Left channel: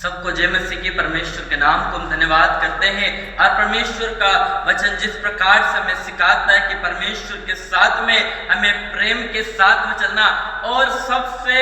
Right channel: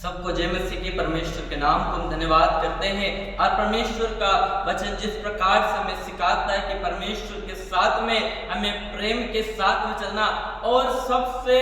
सबको जय मसीह की परमेश्वर के नाम को हम धन्यवाद करते हैं। और परमेश्वर का वचन जिस प्रकार से हमें सिखाता है कि परमेश्वर के साथ में हमें प्रेम के साथ में चलना, और सबसे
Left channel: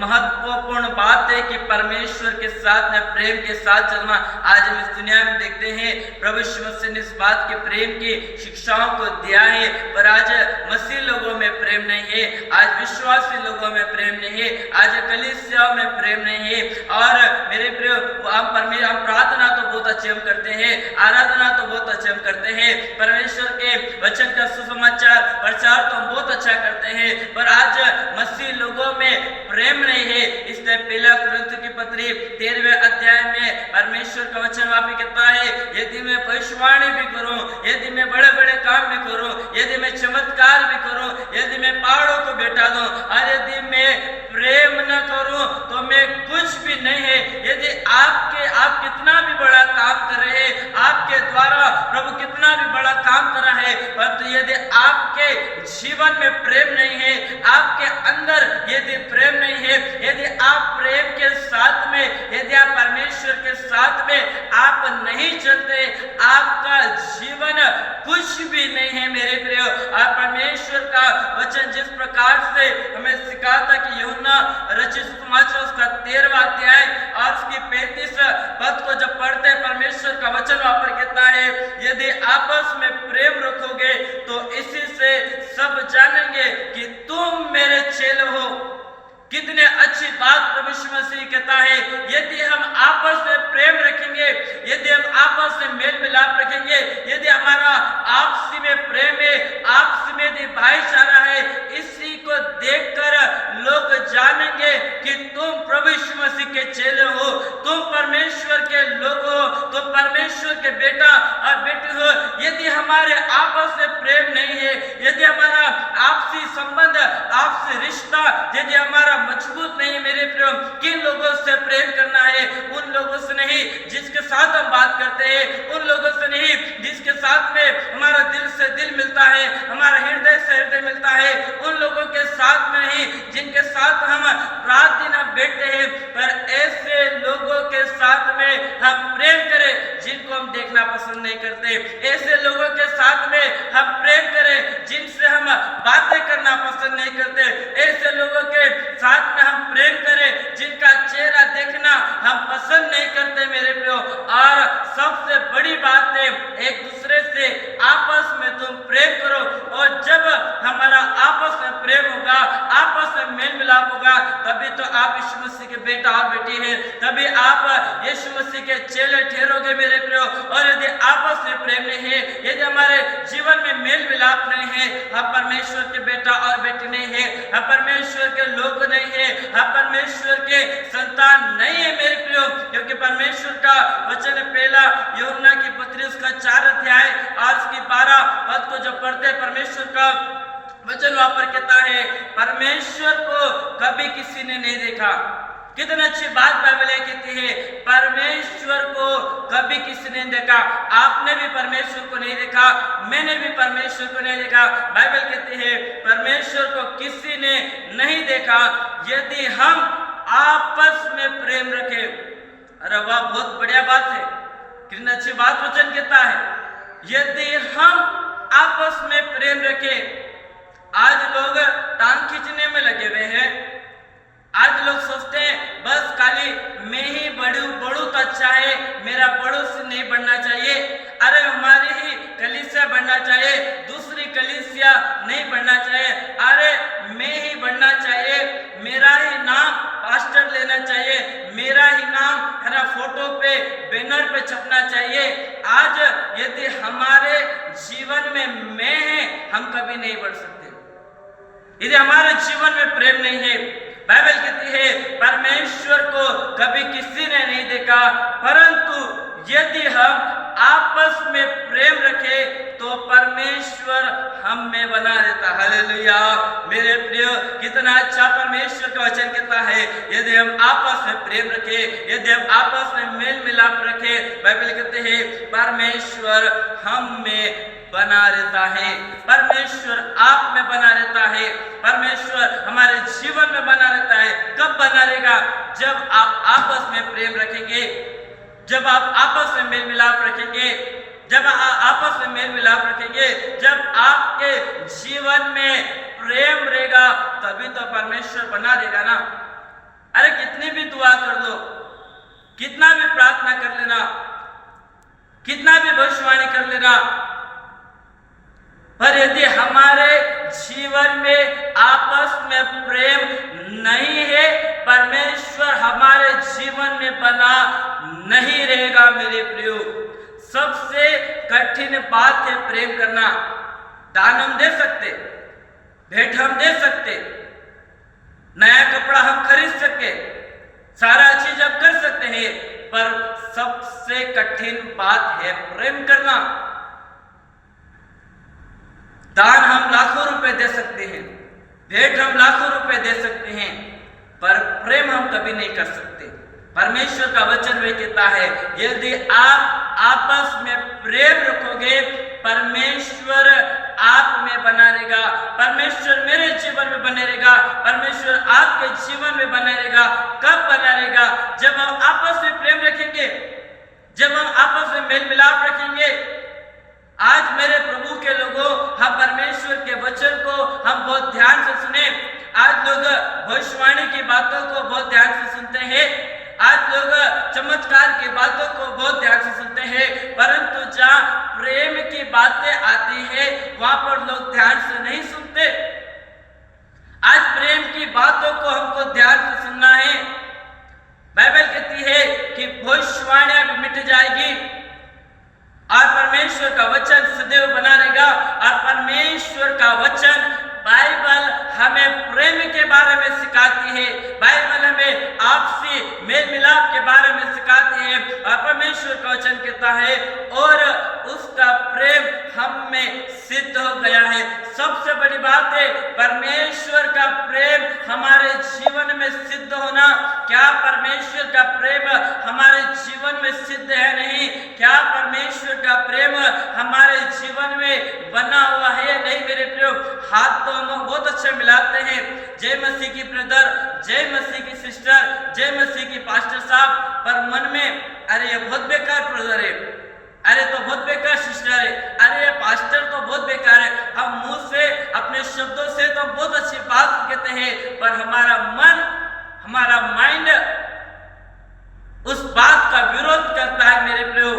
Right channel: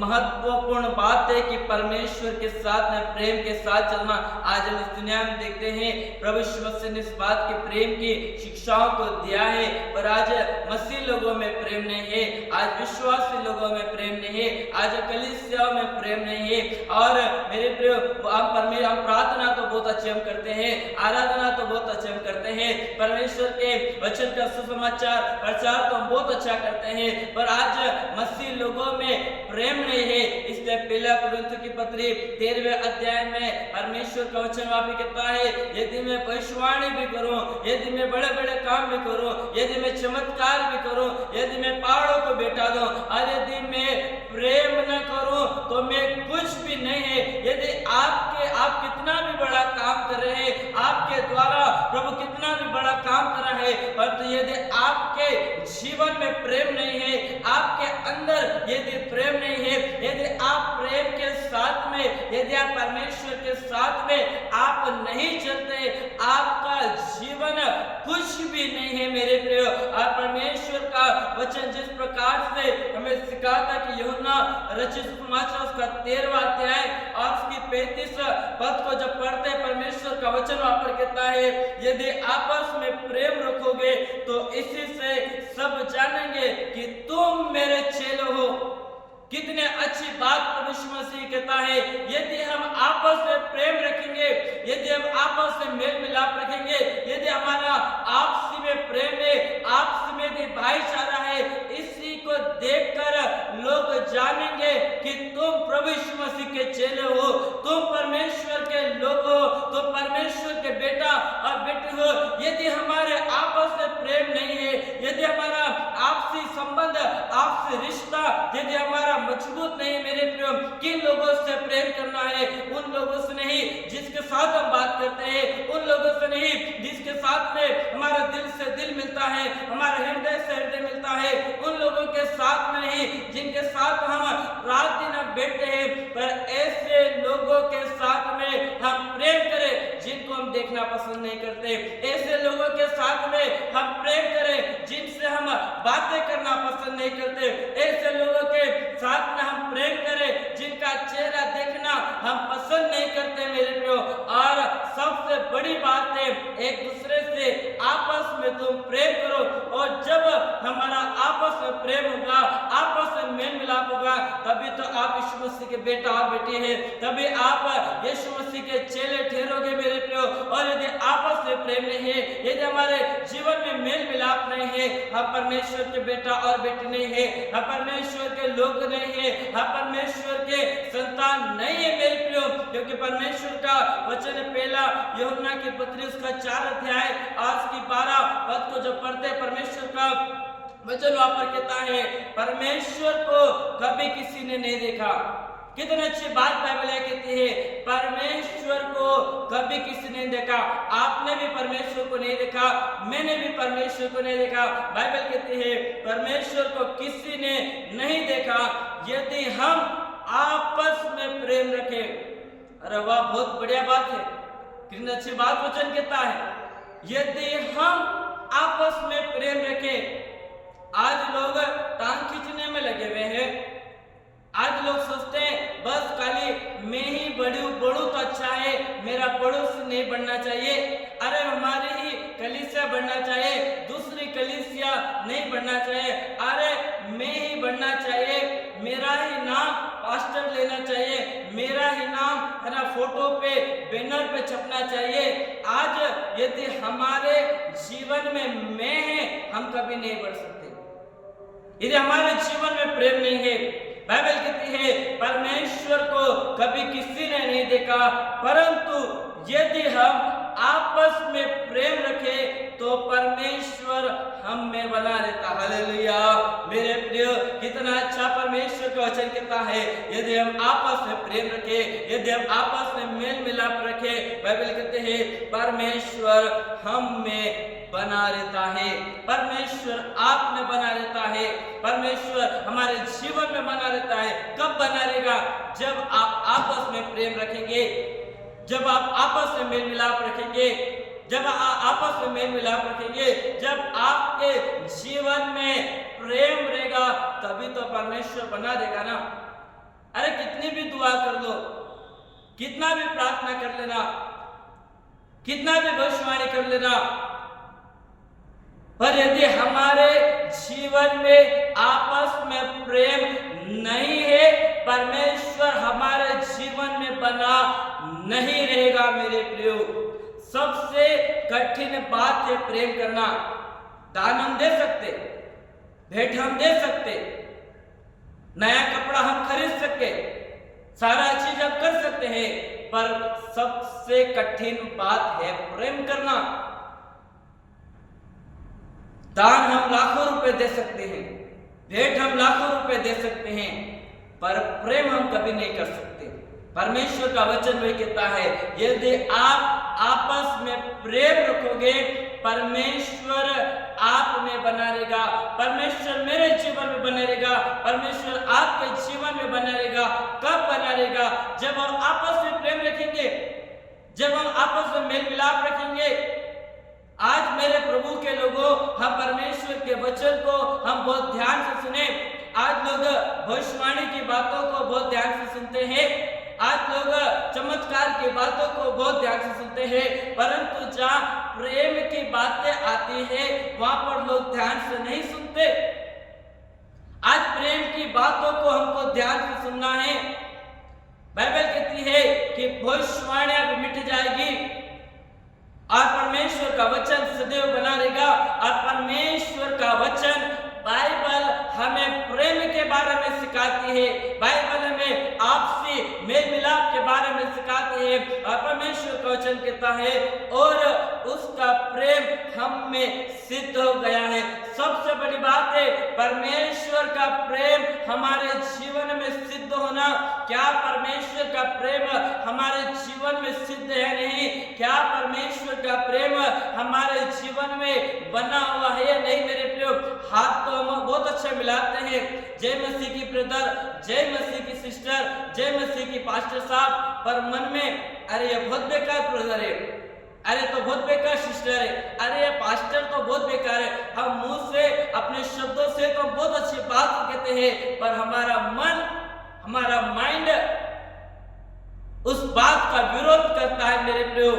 महत्वपूर्ण बात है कि परमेश्वर के साथ में प्रेम के साथ चलना। आज हम इस दुनिया में देखते हैं प्रभु यीशु मसीह ने इस बात के प्रेम की शिक्षाओं को दिया है, पर आज मसीह लोगों में प्रेम नहीं है, आज विश्वासी लोगों में प्रेम नहीं है, आज कलीसियाओं में प्रेम नहीं है। और मेरे हम प्रार्थना तो बहुत अच्छे हम करते हैं, आराधना तो बहुत अच्छे हम करते हैं, परमेश्वर के वचन का सुसमाचार प्रचार तो हम बहुत अच्छा करते हैं, पर आज मसीह लोगों में प्रेम नहीं है। इसलिए पहला कुरिन्थियों की पत्री 13वें अध्याय में परमेश्वर का वचन वहां पे कहता है, यदि मैं भविष्यवाणी भी करूं, यदि मैं बड़े बड़े काम भी करूं, यदि मैं चमत्कार भी करूं, यदि मैं पहाड़ों को बैठा दूं, और यदि मैं प्रेम न करूं तो मैं कुछ भी नहीं है। यदि आप कितना भी बड़ा काम कर रहे हैं, आपके द्वारा प्रभु कितना भी बड़ा काम कर रहा है, परंतु यदि आपके जीवन में प्रेम नहीं है, आपके अंदर यदि प्रेम नहीं है, यदि आप प्रेम के साथ में, यदि आप परमेश्वर के साथ में आप नहीं चलते, आपका जीवन कुछ भी नहीं है मेरे प्रियो। और परमेश्वर का वचन जिस प्रकार से हमें सिखाता कि यूहन्ना रचित सुसमाचार उसका 13वां अध्याय और उसकी 35 पद को जब पढ़ते परमेश्वर का वचन वहां पर कहता है, यदि आपस में प्रेम रखोगे तो इसी से सब जानेंगे कि तुम मेरे चेले हो। कितने अच्छी बात प्रभु यीशु मसीह कहता है, यदि हम आपस में प्रेम रखेंगे, यदि हम आपस में मेल मिलाप रखेंगे, यदि हमारा आपसी में प्रेम है, आपसी में यदि भाईचारा है, इसी को देखकर लोग जानेंगे कि तुम प्रभु यीशु मसीह के चेले हो, तुम परमेश्वर के लोग हो, तुम परमेश्वर के बेटा और बेटी हो। यदि हमारे आपस में प्रेम नहीं है, यदि हमारा आपसी संबंध, आपसी रिश्ता यदि हमारा मजबूत नहीं, मेरे प्रियो, किन लोगों से प्रेम करना है? उन लोगों से नहीं जिसके साथ हम बात करते हैं, उन लोगों से नहीं जिसके साथ में हमारा दिल से दिल मिलता है, हमारा हृदय से हृदय मिलता है, उन लोगों के साथ में नहीं जिनके साथ हम रात दिन बैठते हैं, पर ऐसे लोगों के साथ में हम प्रेम करें जिनको हम देखना पसंद नहीं करते, ऐसे लोगों के साथ में हम प्रेम करें जिनसे हम बातें करना पसंद नहीं करते, ऐसे लोगों के साथ में हम प्रेम करें जिनका चेहरा देखना हम पसंद नहीं करते मेरे प्रियो। और सबसे बड़ी बात है, एक दूसरे से आपस में तुम प्रेम करो, और जब हमारा आपस में प्रेम होगा, आपस में मेल मिलाप होगा, तभी तो आप यीशु मसीह के बेटा और बेटी हैं, तभी आप यीशु मसीह के चेले ठहरोगे मेरे प्रियो। और यदि आपस में प्रेम नहीं है, यदि हमारे जीवन में मेल मिलाप नहीं है, हम परमेश्वर के बेटा और बेटी नहीं है, हम परमेश्वर के लोग नहीं है, हम परमेश्वर के संतान नहीं है मेरे प्रियो। क्योंकि परमेश्वर का वचन पहला यूहन्ना की पत्री उसका 4 अध्याय और उसकी 12 पद को जब पढ़ते परमेश्वर का वचन वहां पर कहता है, परमेश्वर को कभी किसी ने नहीं देखा। कितनी अच्छी बात बाइबल कहती है, परमेश्वर को कभी किसी ने देखा। आपने भी परमेश्वर को नहीं देखा, मैंने भी परमेश्वर को नहीं देखा। बाइबल कहती है परमेश्वर को किसी ने नहीं देखा यदि हम आपस में प्रेम रखें। अरे वाह, बहुत बढ़िया बात है, कितनी अच्छी बात वचन कहता है, यदि हम आपस में प्रेम रखें। आज लोग टांग खींचने में लगे हुए हैं, आज लोग सोचते हैं बस खाली मैं ही बढ़ू तो अच्छा है, मेरा पड़ोसी नहीं बढ़ना चाहिए, अरे हमारी ही कलीसिया बढ़ना चाहिए, दूसरी कलीसिया नहीं बढ़ना चाहिए, अरे मैं ही बढ़ना चाहिए, मेरा ही नाम पास्टर लेना चाहिए, मेरा ही नाम है ना फोटो पे बैनर पे छपना चाहिए। आज यदि हमारे जीवन में मैं है, हम कभी नहीं बढ़ सकते। यदि हमारे जीवन में प्रेम नहीं है, बाइबल कहती है परमेश्वर को कभी किसी ने नहीं देखा, परंतु यदि हम आपस में प्रेम रखे तो परमेश्वर हम में बना रहता। हालेलुया मेरे प्रियो, कितना अच्छा परमेश्वर का वचन कहता है, यदि हम आपस में प्रेम रखे, यदि हम आपस में मेल मिलाप रखे, बाइबल कहते हैं परमेश्वर हम में बना रहता है, परमेश्वर आप में बना रहता है, परमेश्वर हमारे जीवन में बना रहता है। कब बना रहेगा? जब आप आपस में प्रेम रखेंगे, जब आप आपस में मेल मिलाप रखेंगे, जब आप आपस में मेल मिलाप रखेंगे, जब आपके जीवन में प्रेम रहेगा, तभी तो परमेश्वर बना रहेगा ना। अरे कितनी भी दुआ कर लो, कितना भी प्रार्थना कर लेना, कितना भी भविष्यवाणी कर लेना, पर यदि हमारे जीवन में आपस में प्रेम नहीं है, परमेश्वर हमारे जीवन में बना नहीं रहेगा। मेरे प्रियो, सबसे कठिन बात है प्रेम करना। दान हम दे सकते, भेंट हम दे सकते, नया कपड़ा हम खरीद सकते, सारा चीज हम कर सकते हैं, पर सबसे कठिन बात है प्रेम करना। दान हम लाखों रुपए दे सकते हैं, भेंट हम लाखों रुपए दे सकते हैं, पर प्रेम हम कभी नहीं कर सकते। परमेश्वर का वचन वही कहता है, यदि आप आपस में प्रेम रखोगे, परमेश्वर आप में बना रहेगा, परमेश्वर मेरे जीवन में बने रहेगा, परमेश्वर आपके जीवन में बना रहेगा। कब बना रहेगा? जब हम आपस में प्रेम रखेंगे, जब हम आपस में मेल मिलाप रखेंगे। आज मेरे प्रभु के लोगों, हम परमेश्वर के वचन को हम बहुत ध्यान से सुने। आज लोग भविष्यवाणी की बातों को बहुत ध्यान से सुनते हैं, आज लोग चमत्कार की बातों को बहुत ध्यान से सुनते हैं, परंतु जहाँ प्रेम की बातें आती है वहां पर लोग ध्यान से नहीं सुनते। आज प्रेम की बातों को हमको ध्यान से सुनना है। बाइबल कहती है कि भविष्यवाणियां भी मिट जाएगी और परमेश्वर का वचन सदैव बना रहेगा। और परमेश्वर का वचन बाइबल हमें प्रेम के बारे में सिखाती है, बाइबल हमें आपसी मेल मिलाप के बारे में सिखाती है। और परमेश्वर का वचन कहता है और उसका प्रेम हम में सिद्ध हो गया है। सबसे बड़ी बात है परमेश्वर का प्रेम हमारे जीवन में सिद्ध होना। क्या परमेश्वर का प्रेम हमारे जीवन में सिद्ध है? नहीं। क्या परमेश्वर का प्रेम हमारे जीवन में बना हुआ है या नहीं? मेरे प्रियो, हाथ तो हम बहुत अच्छा मिलाते हैं, जय मसीह की ब्रदर, जय मसीह की सिस्टर, जय मसीह की पास्टर साहब, पर मन में अरे ये बहुत बेकार ब्रदर है, अरे तो बहुत बेकार सिस्टर है, अरे ये पास्टर तो बहुत बेकार है। हम मुंह से अपने शब्दों से तो बहुत अच्छी बात कहते हैं, पर हमारा मन, हमारा माइंड उस बात का विरोध करता है। मेरे प्रियो,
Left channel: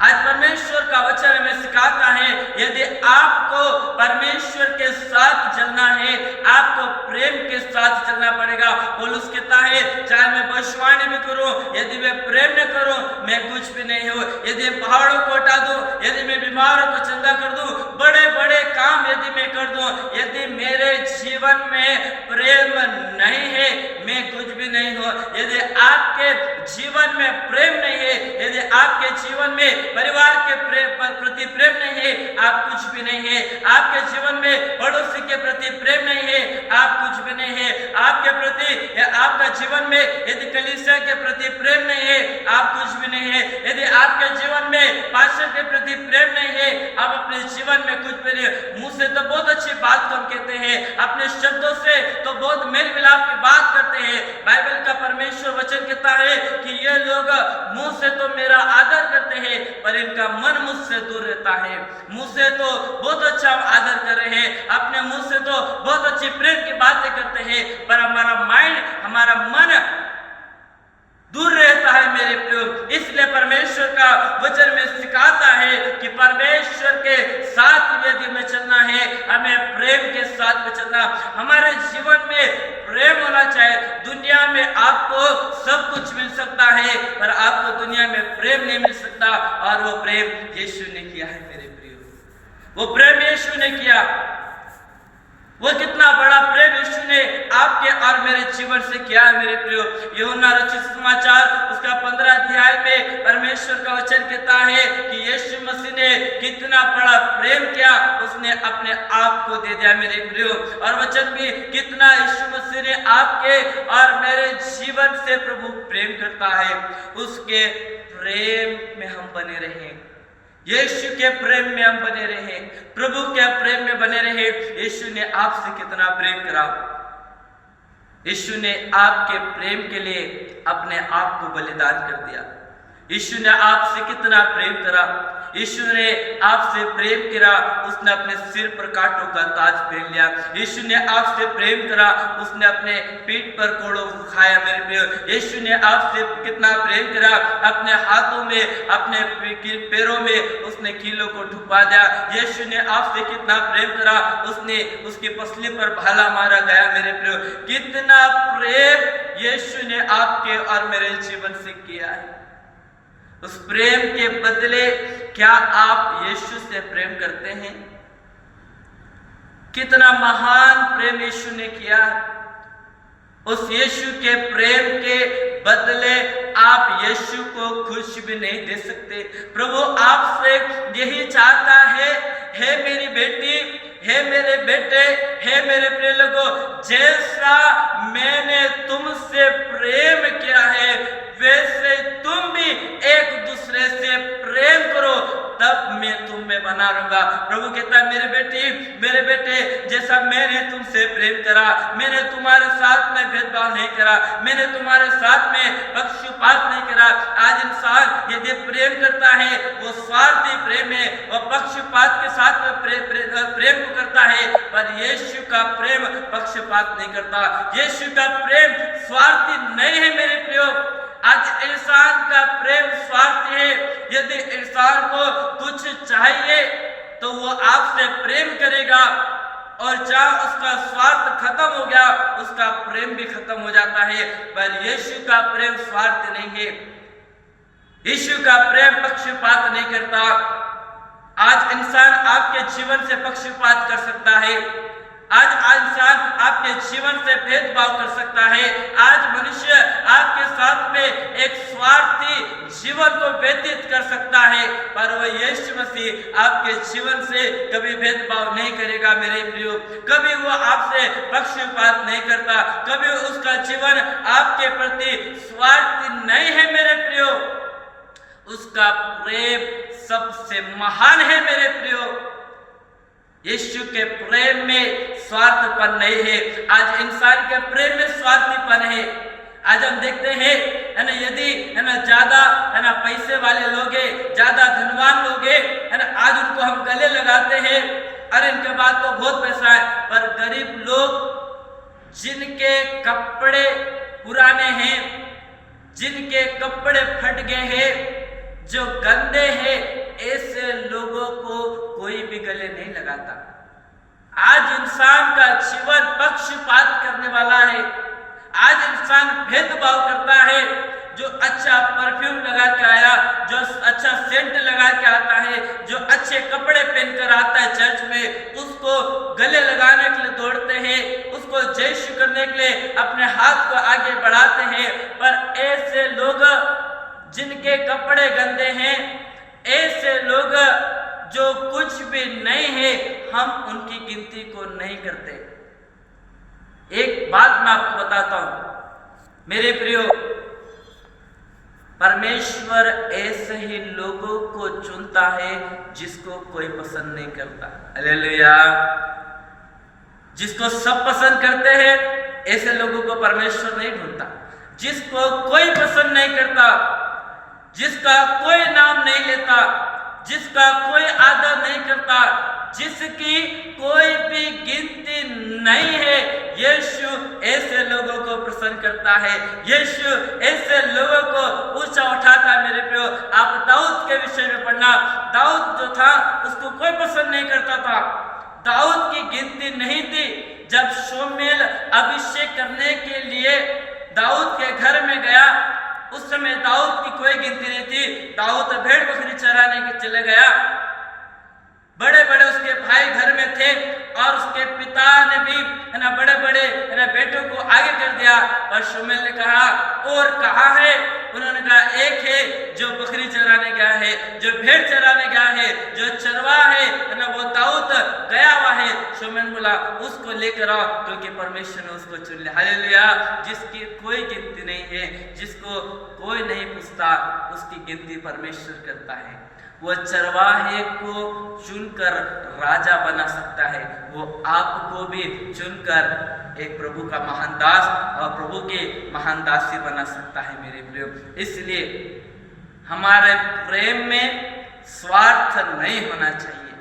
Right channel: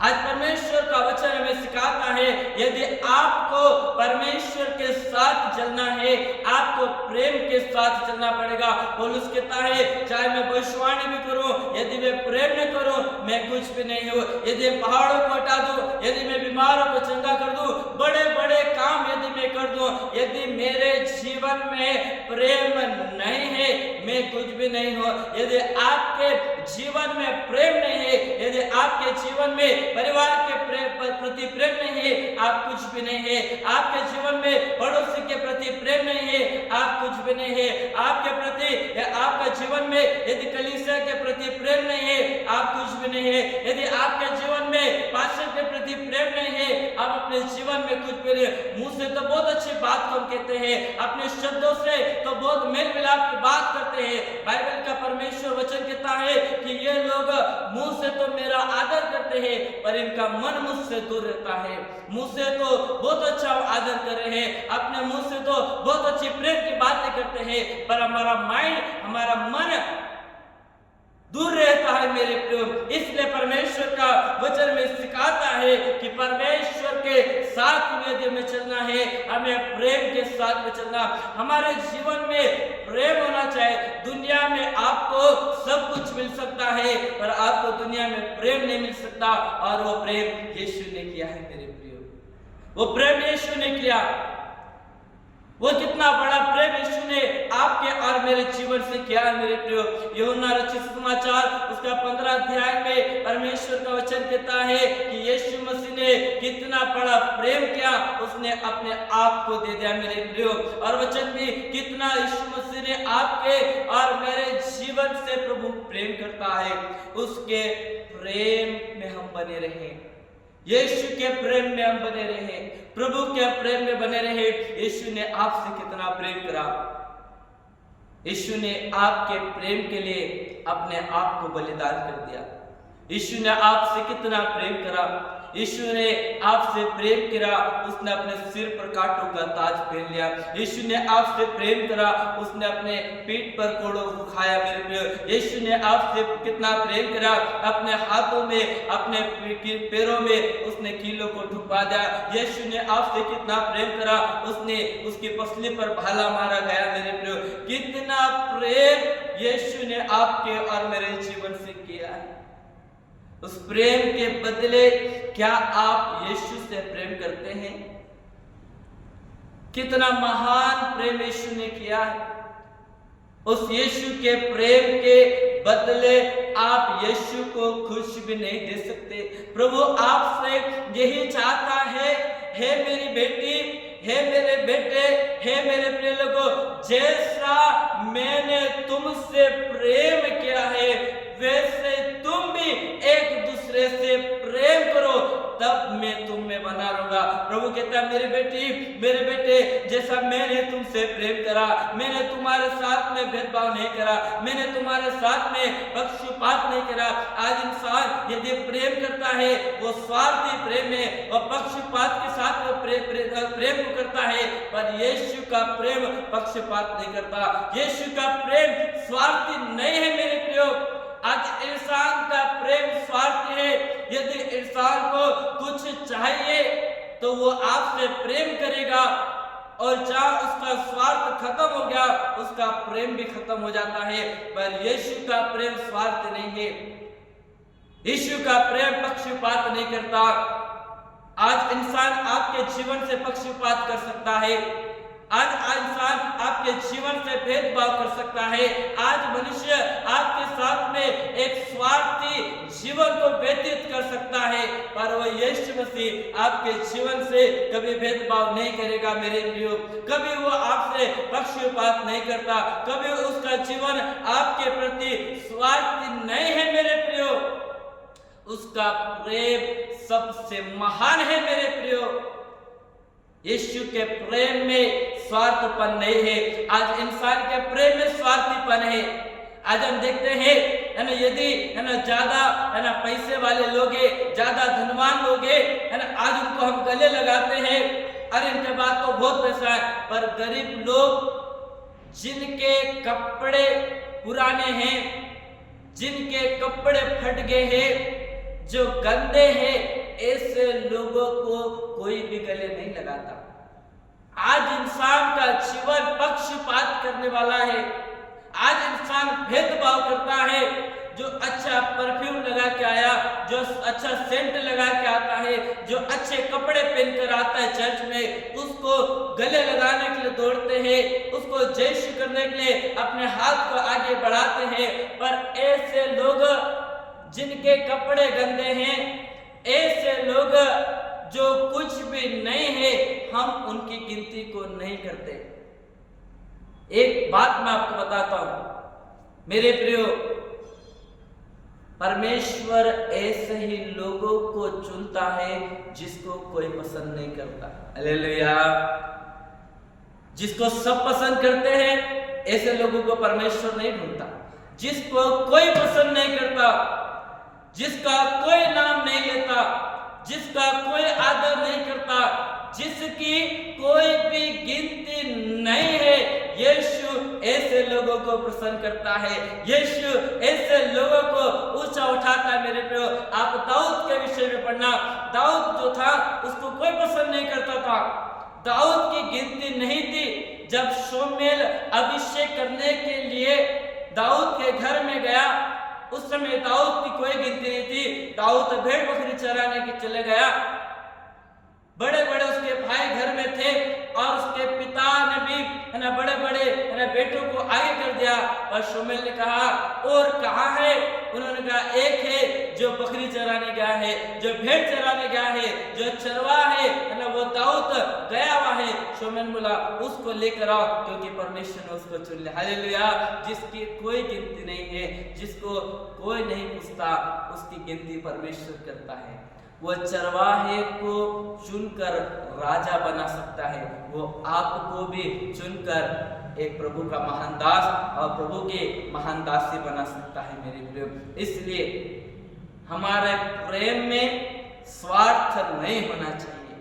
आज परमेश्वर का वचन हमें सिखाता है यदि आपको परमेश्वर के साथ चलना है, आपको प्रेम के साथ चलना पड़ेगा। पौलुस कहता है चाहे मैं भविष्यवाणी भी करूं, यदि मैं प्रेम न करूं, मैं कुछ भी नहीं हूं। यदि पहाड़ों को हटा दूं, यदि मैं बीमारों को चंगा कर दूं, बड़े बड़े काम यदि मैं कर दूं, यदि मेरे जीवन में प्रेम नहीं है, मैं कुछ भी नहीं हूं। यदि आपके जीवन में प्रेम नहीं है, यदि आपके जीवन में परिवार के प्रति प्रेम नहीं है, आप कुछ भी नहीं है। आपके जीवन में पड़ोसी के प्रति प्रेम नहीं है, आप कुछ भी नहीं है। आपके प्रति या आपका जीवन में यदि कलीसिया के प्रति प्रेम नहीं है, आप कुछ भी नहीं है। यदि आपके जीवन में पास्टर के प्रति प्रेम नहीं है, आप अपने जीवन में कुछ भी नहीं। मुंह से तो बहुत अच्छी बात हम कहते हैं, अपने शब्दों से तो बहुत मेल मिलाप की बात करते हैं। बाइबल का परमेश्वर वचन कहता है कि ये लोग मुंह से तो मेरा आदर करते हैं, पर इनका मन मुझसे दूर रहता है। मुंह से तो बहुत अच्छा आदर कर रहे हैं, अपने मुंह से तो बहुत अच्छी प्रेम की बातें करते हैं, पर हमारा माइंड, हमारा मन दूर रहता है। मेरे प्रियो, इसलिए परमेश्वर का वचन में सिखाता है कि परमेश्वर के साथ यदि हमें चलना है, हमें प्रेम के साथ में चलना। हमारे जीवन में प्रेम होना चाहिए। दुनिया में आपको सब कुछ मिल सकता है, पर आपको दुनिया में प्रेम नहीं मिल सकता, और वो प्रेम यीशु ने किया है। मेरे प्रियो, वो प्रेम यीशु ने किया। वो कितना बड़ा प्रेम यीशु ने आपके और मेरे जीवन से किया है मेरे प्रियो। यूहन्ना रचित समाचार उसका 15 अध्याय में परमेश्वर का वचन कहता है कि यीशु मसीह ने कितना बड़ा प्रेम किया, उसने अपने आप को दे दिया मेरे प्रियो। और वचन भी कितना यीशु मसीह ने आपके और मेरे जीवन से प्रभु प्रेम करता है, उसके प्रेम में हम बने रहें, यीशु के प्रेम में हम बने रहे, प्रभु के प्रेम में बने रहे। यीशु ने आपसे कितना प्रेम करा, यीशु ने आपके प्रेम के लिए अपने आप को बलिदान कर दिया। यीशु ने आपसे कितना प्रेम करा, यीशु ने आपसे प्रेम करा, उसने अपने सिर पर कांटों का ताज पहन लिया। यीशु ने आपसे प्रेम करा, उसने अपने पीठ पर कोड़ों खाया मेरे प्रियो। यीशु ने आपसे कितना प्रेम करा, अपने हाथों में अपने पैरों में उसने कीलों को ठुपा दिया। यीशु ने आपसे कितना प्रेम करा, उसने उसकी पसली पर भाला मारा गया मेरे प्रियो। कितना प्रेम यीशु ने आपके और मेरे जीवन से किया है। उस प्रेम के बदले क्या आप यीशु से प्रेम करते हैं? कितना महान प्रेम यीशु ने किया है। उस यीशु के प्रेम के बदले आप यीशु को खुश भी नहीं दे सकते। प्रभु आपसे यही चाहता है, हे मेरी बेटी, हे मेरे बेटे, हे मेरे प्रिय लोगों, जैसा मैंने तुमसे प्रेम किया है वैसे तुम भी एक दूसरे से प्रेम करो, तब मैं तुम में बना रहूंगा। प्रभु कहता है मेरे बेटी, मेरे बेटे, जैसा मैंने तुमसे प्रेम करा, मैंने तुम्हारे साथ में भेदभाव नहीं करा, मैंने तुम्हारे साथ में पक्षपात नहीं करा। आज इंसान यदि प्रेम करता है वो स्वार्थी प्रेम है, वह पक्षपात के साथ में प्रेम को करता है, पर यीशु का प्रेम पक्षपात नहीं करता, यीशु का प्रेम स्वार्थी नहीं है मेरे प्रियो। आज इंसान का प्रेम स्वार्थी है। यदि इंसान को कुछ चाहिए तो वो आपसे प्रेम करेगा, और जहाँ उसका स्वार्थ खत्म हो गया उसका प्रेम भी खत्म हो जाता है। पर यीशु का प्रेम स्वार्थ नहीं है, यीशु का प्रेम पक्षपात नहीं करता। आज इंसान आपके जीवन से पक्षपात कर सकता है, आज इंसान आपके जीवन से भेदभाव कर सकता है, आज मनुष्य आपके साथ में एक स्वार्थी जीवन को व्यतीत कर सकता है, पर वह यीशु मसीह आपके जीवन से कभी भेदभाव नहीं करेगा मेरे प्रियो। कभी वो आपसे पक्षपात नहीं करता, कभी उसका जीवन आपके प्रति स्वार्थी नहीं है मेरे प्रियो। उसका प्रेम सबसे महान है मेरे प्रियो। यीशु के प्रेम में स्वार्थपन नहीं है। आज इंसान के प्रेम में स्वार्थीपन है। आज हम देखते हैं है ना, यदि है ना ज्यादा है ना पैसे वाले लोग हैं, ज्यादा धनवान लोग हैं, है ना, आज उनको हम गले लगाते हैं, अरे इनके पास तो बहुत पैसा है। पर गरीब लोग जिनके कपड़े पुराने हैं, जिनके कपड़े फट गए हैं, जो गंदे हैं, ऐसे लोगों को कोई भी गले नहीं लगाता। आज इंसान का जीवन पक्षपात करने वाला है। आज इंसान भेदभाव करता है। जो अच्छा परफ्यूम लगा के आया, जो अच्छा सेंट लगा के आता है, जो अच्छे कपड़े पहनकर आता है चर्च में, उसको गले लगाने के लिए दौड़ते हैं, उसको जयशु करने के लिए अपने हाथ को आगे बढ़ाते हैं। पर ऐसे लोग जिनके कपड़े गंदे हैं, ऐसे लोग जो कुछ भी नहीं है, हम उनकी गिनती को नहीं करते। एक बात मैं आपको बताता हूं मेरे प्रियो, परमेश्वर ऐसे ही लोगों को चुनता है जिसको कोई पसंद नहीं करता। हालेलुया। जिसको सब पसंद करते हैं ऐसे लोगों को परमेश्वर नहीं ढूंढता। जिसको कोई पसंद नहीं करता, जिसका कोई नाम नहीं लेता, जिसका कोई आदर नहीं करता, जिसकी कोई भी गिनती नहीं है, यीशु ऐसे लोगों को पसंद करता है। यीशु ऐसे लोगों को ऊंचा उठाता है मेरे प्रियो। आप दाऊद के विषय में पढ़ना, दाऊद जो था उसको कोई पसंद नहीं करता था। दाऊद की गिनती नहीं थी। जब शमूएल अभिषेक करने के लिए दाऊद के घर में गया, उस समय दाऊद की कोई गिनती नहीं थी। दाऊद भेड़ बकरी चराने के चले गया। बड़े बड़े उसके भाई घर में थे और उसके पिता ने भी है ना बड़े बड़े है ना बेटों को आगे कर दिया। और शमूएल ने कहा और कहाँ है? उन्होंने कहा एक है जो बकरी चराने गया है, जो भेड़ चराने गया है, जो चरवाहा है ना वो दाऊद गया हुआ है। शमूएल बोला उसको लेकर आओ, क्योंकि परमेश्वर ने उसको चुन लिया। हालेलुया। जिसकी कोई गिनती नहीं है, जिसको कोई नहीं पूछता, उसकी गिनती परमेश्वर करता है। वो चरवाहे को चुनकर राजा बना सकता है, वो आपको भी चुनकर एक प्रभु का महान दास और प्रभु के महान दासी बना सकता है मेरे प्रियो। इसलिए हमारे प्रेम में स्वार्थ नहीं होना चाहिए,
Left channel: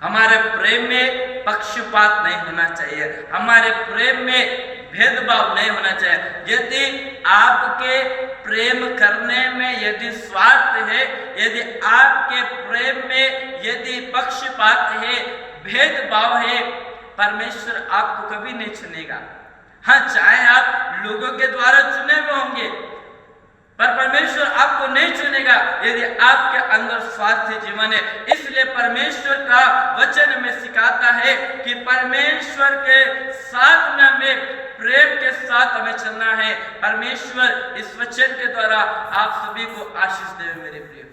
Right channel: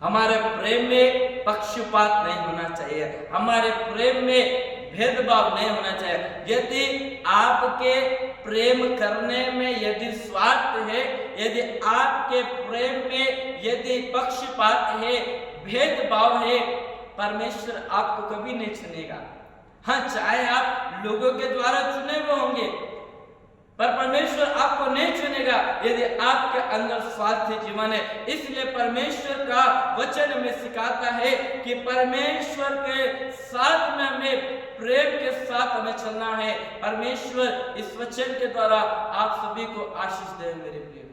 हमारे प्रेम में पक्षपात नहीं होना चाहिए, हमारे प्रेम में भेदभाव नहीं होना चाहिए। यदि आपके प्रेम करने में यदि स्वार्थ है, यदि आपके प्रेम में यदि पक्षपात है, भेदभाव है, परमेश्वर आपको कभी नहीं चुनेगा। हाँ, चाहे आप लोगों के द्वारा चुने हुए होंगे, पर परमेश्वर आपको नहीं चुनेगा यदि आपके अंदर स्वार्थी जीवन है। इसलिए परमेश्वर का वचन में सिखाता है कि परमेश्वर के साथ में हमें प्रेम के साथ हमें चलना है। परमेश्वर इस वचन के द्वारा आप सभी को आशीष दे मेरे प्रिय।